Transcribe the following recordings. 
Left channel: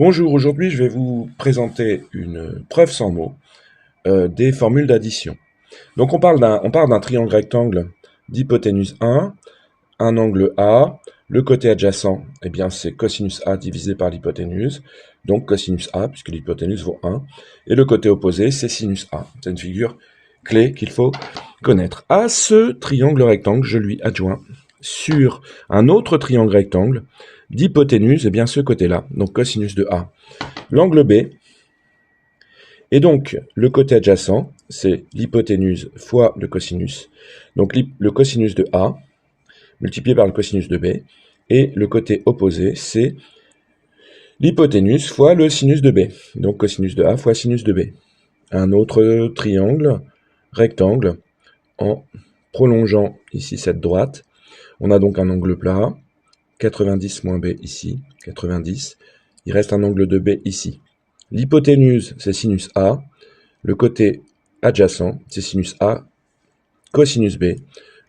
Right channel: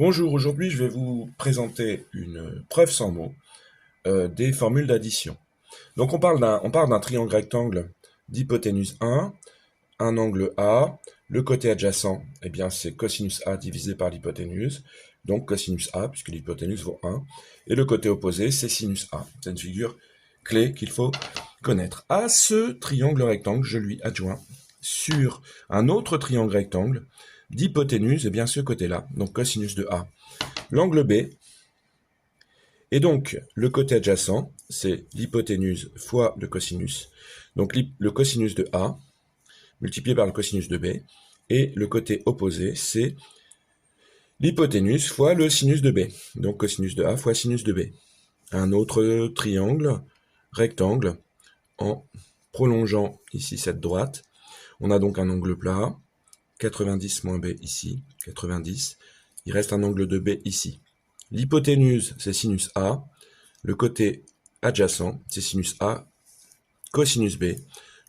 Bonjour, aujourd'hui je vais vous présenter une preuve sans mots des formules d'addition. Donc on part d'un triangle rectangle d'hypoténuse 1, un angle A, le côté adjacent, eh bien c'est cosinus A divisé par l'hypoténuse, donc cosinus A puisque l'hypoténuse vaut 1, et le côté opposé c'est sinus A. C'est une figure clé qu'il faut connaître. À ce triangle rectangle, je lui adjoins sur un autre triangle rectangle d'hypoténuse, eh bien ce côté-là, donc cosinus de A. L'angle B, et donc le côté adjacent, c'est l'hypoténuse fois le cosinus. Donc le cosinus de A multiplié par le cosinus de B. Et le côté opposé, c'est l'hypoténuse fois le sinus de B. Donc cosinus de A fois sinus de B. Un autre triangle, rectangle, en prolongeant ici cette droite. On a donc un angle plat, 90 moins B ici, 90. Il reste un angle de B ici. L'hypoténuse, c'est sinus A. Le côté adjacent, c'est sinus A, cosinus B.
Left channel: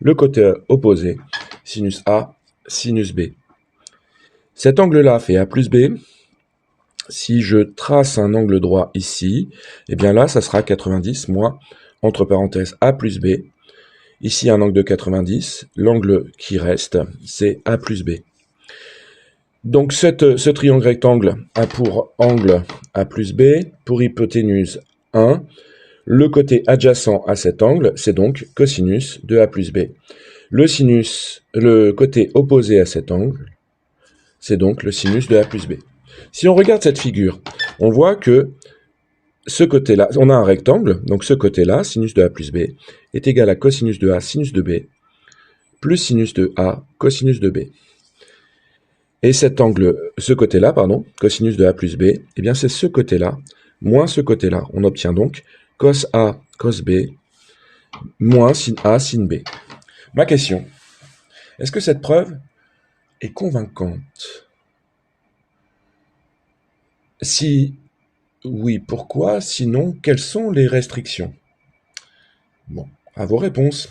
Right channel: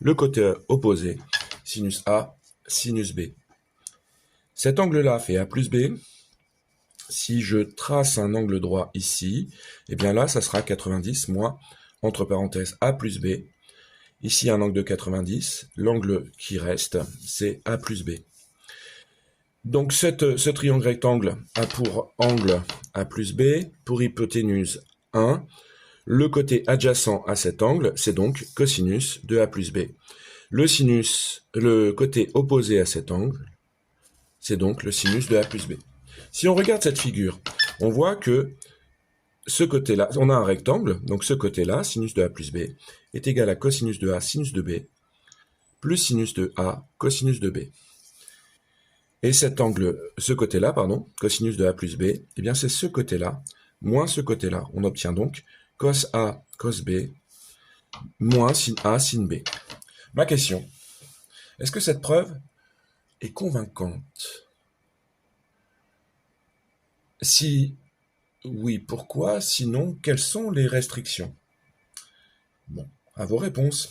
Le côté opposé, sinus A, sinus B. Cet angle-là fait A plus B. Si je trace un angle droit ici, eh bien là, ça sera 90 moins, entre parenthèses, A plus B. Ici, un angle de 90. L'angle qui reste, c'est A plus B. Donc ce triangle rectangle a pour angle A plus B, pour hypoténuse 1. Le côté adjacent à cet angle, c'est donc cosinus de A plus B. Le côté opposé à cet angle, c'est donc le sinus de A plus B. Si on regarde cette figure, on voit que ce côté-là, on a un rectangle, donc ce côté-là, sinus de A plus B, est égal à cosinus de A, sinus de B, plus sinus de A, cosinus de B. Et cet angle, ce côté-là, pardon, cosinus de A plus B, eh bien c'est ce côté-là, moins ce côté-là. On obtient donc cos A, cos B, moins sin A, sin B. Ma question, est-ce que cette preuve est convaincante? Si oui, pourquoi? Sinon, quelles sont les restrictions? Bon, à vos réponses.